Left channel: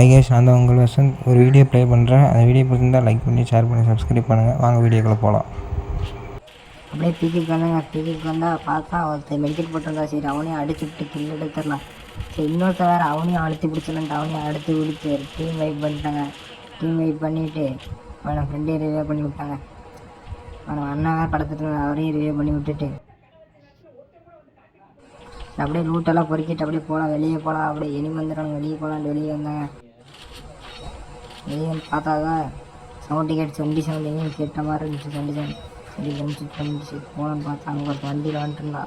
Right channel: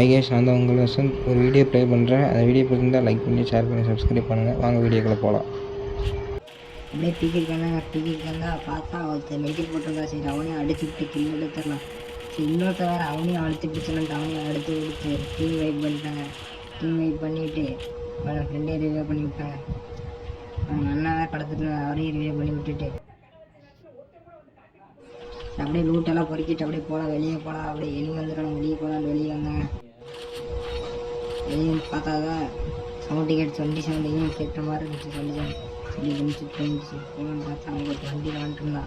ஐகேஷ் நான் உங்கள் வசந்த். ஒரு வீடியோ ப்ளே பண்ணுறேன். அந்த வீடியோ பிடிச்சிருந்தால் லைக் பண்ணி ஷேர் பண்ணி சப்ஸ்கிரைப் பண்ணுங்கள். வாங்க வீடியோக்குள்ளே போகலாம். அப்படியே பீக்கிட்டு வந்தாங்க. பீக்கிட்டு வந்தால் பார்த்தா ஒருத்தர் மெடிக்கெட் போட்டிருந்தா. சரி அவனையும் அடிச்சுட்டு கில் எடுத்துடலாம். சரி இன்னொருத்த வேறு அவனையும் அழுத்தி பிடிச்சிடலான்ட்டு அவனையும் அடுத்து பிடிச்சி டீம் வெயிட் பண்ணிட்டாங்க. டீம் வெயிட் பண்ணிவிட்டு அவனை ஃப்ரெண்டே ரிவ்யூ பண்ணி விட்டாங்க. அவனை அண்ணன் வேறு படத்தில் அவரையும் ரிவ்யூ பண்ணி விட்டுட்டு அப்படியே லூட்டெல்லாம் பொறுக்கிட்டு அப்படியே போகலாம். வெளியே போகலாம். அப்படியே வெளியே வந்துடுறாங்க. வெளியே போகலான்ட்டு வெளியே வந்தாங்க. வெளியே வந்து பார்த்தாதான் சவுண்டு கேட்டு வண்டி சவுண்ட் எங்கேயும் கேட்ட மாதிரி இருந்துச்சு. வண்டி சவுண்ட் அப்படி பண்ணிச்சு போகலான்னு பார்த்தா அங்கே ஒரு வண்டியில் வந்துட்டுருந்தா.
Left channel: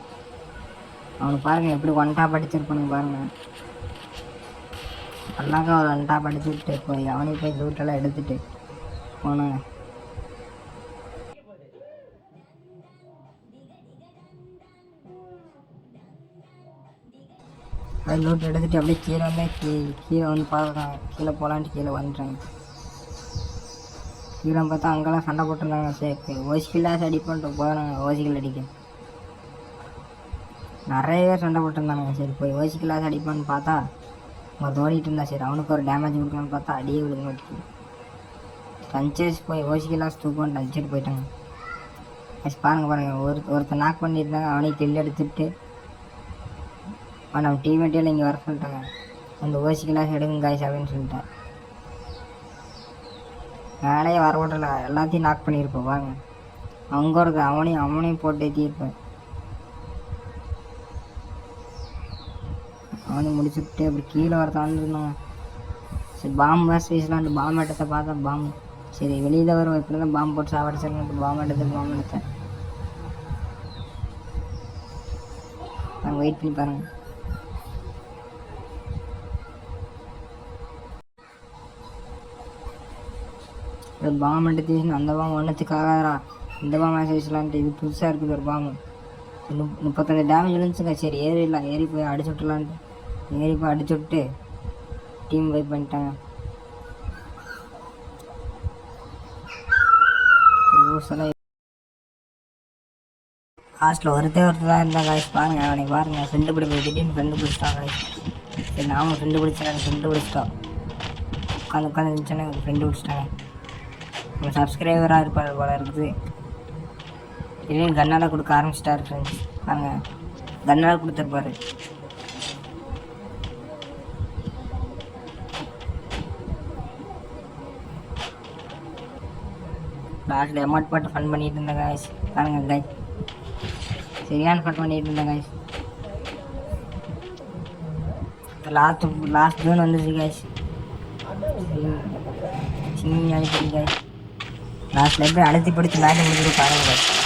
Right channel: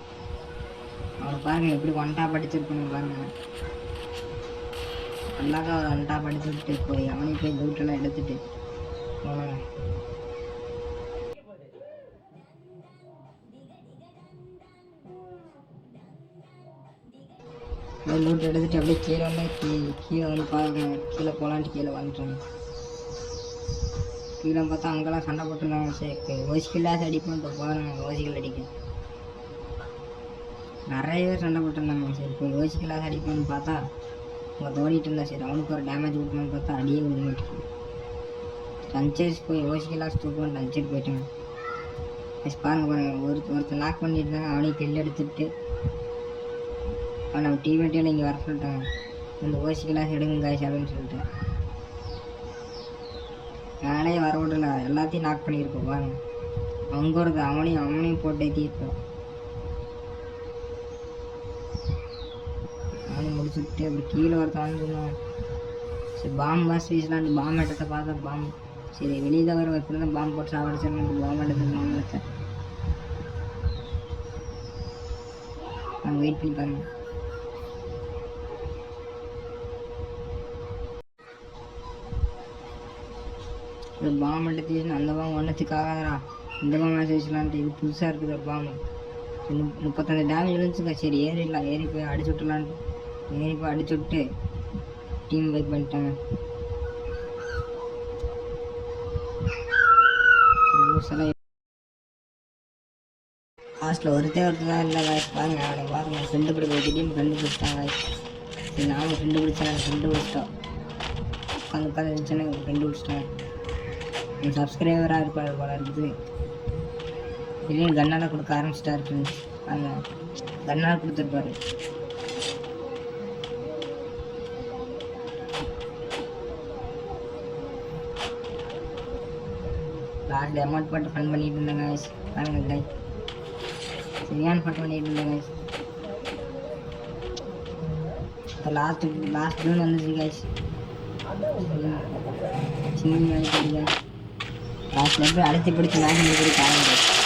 அவனுக்கு பாருங்கள் எப்படி ஒன் டாப் அடிச்சிருப்பானுங்க பாருங்கள். அண்ணாக்கா ஒரு ஒன் டாப் அடிச்சு விட்டு போய் அவனே போய் லூட்டெல்லாம் எடுத்துகிட்டு போனாங்க. அது லூட் எடுத்துகிட்டு அப்படியே கீழே வந்து கீழே வந்து பார்க்குறாங்க. கீழே போகலான்ட்டு கீழே வந்துட்டாங்க. கீழே பார்த்தா அங்கெல்லாம் சண்டை போட்டுருந்தாங்க. சரி ஓசிக்கெல்லாம் அடி பண்ணிட்டு போனாங்க. ஓசிக்கல் அடிக்க நிறைய பேர் சண்டை போட்டுருந்தாங்க. சரி போய் ஓசிக்கெல்லாம் அடிப்பான்னு பார்த்தா அவன் ஓடிட்டு இருந்தா. சரி அவனுக்கு ஒரு டேமேஜ் கொடுக்கலான்னு பார்த்தா அடியே கொடுக்க மாட்டேங்குது. ரன்சேஸ் போய் ஓசிக்கெல்லாம் தூக்குவான்ட்டு அடிச்சுட்டு போயிட்டாங்க. பாருங்கள் ஒருத்தர் நாக் பண்ணியிருந்தாங்க. அவனையும் கில் எடுத்துட்டு நம்ம டீமேட்டியில் இங்கே வர சொல்லிட்டாங்க. அந்த ஓசி கிளாஸ் எடுங்க காய்ஸ் அப்படின்னு சொல்லிட்டேன். வேலையே வர விடல. எல்லாத்தையும் நாக் பண்ணியிருப்போம் பாருங்க. அங்கே இருக்கு அவனையும் போட்டு ஏற்றிருப்பேன். அவனையும் முடிச்சுட்டு அப்படி கீழே வர தாண்டிருந்தாங்க. சரி பாம்பு வாசி வீசலான்ட்டு பாம்பு எடுத்த பார்த்தா பாம்பு சரி வெளியே தான் வரும். இப்படி தான் பாம்பு போட்டு சாப்பிடுச்சுன்னு பாம்பு எடுத்தேன். நாங்கள் வெயிட் பண்ணி பாருங்கள். பாம்பு எடுத்து அந்த பாம்பு ஒன்றுத்துக்காகடா இந்த பாம்பு மேட்ச் வீசலான்ட்டு இது புதுசாக இருக்குது ஒரு பாம்பு. 35 டேமேஜ் இருந்துச்சுங்க. சரி ஏறி போய் அடிச்சு விட்டுலான்ட்டு ஏறி போய் அடிச்சு விட்டு டீம் வெயிட் பண்ணிட்டாங்க. லாஸ்ட்டில் ஒருத்தர் தான் இருந்தால் காய்ச்சி பாருங்கள். அவனுக்கு பாருங்கள் ஃப்ரெண்டு பிடி போய் திடீர்னு கண்டுபிடிச்சிட்டாங்க. சரி நாம ஃப்ரெண்டு பிடிச்சிட்டோம். உட்காந்து இருந்துச்சுன்னு ஃப்ரெண்டு பிடிச்சிட்டாங்க. நம்ம சப்ஸ்கிரைபராக இருப்பார் போல இருக்குது. இதே கன்னால் கொடுக்க ஆரம்பிச்சிட்டாரு ஃப்ரெண்ட்ஸ். நாங்கள் கன்னால் கொடுத்துருப்பாரு. லாஸ்ட்டில் அமௌண்ட் போட்டு ஃபன் பண்ணிட்டு இருந்தேன் காய்ஸ். பாருங்கள் காய்ஸ் சரியான ஃபன் பண்ணிட்டு இருந்தேன் காய்ஸ். லாஸ்ட் ஜூன் வந்துச்சு காய்ஸ். சின்ன காய்ஸ் லாஸ்ட்டில் எப்படி அழுத்தி பிடிச்சி மேட்ச் முடிச்சு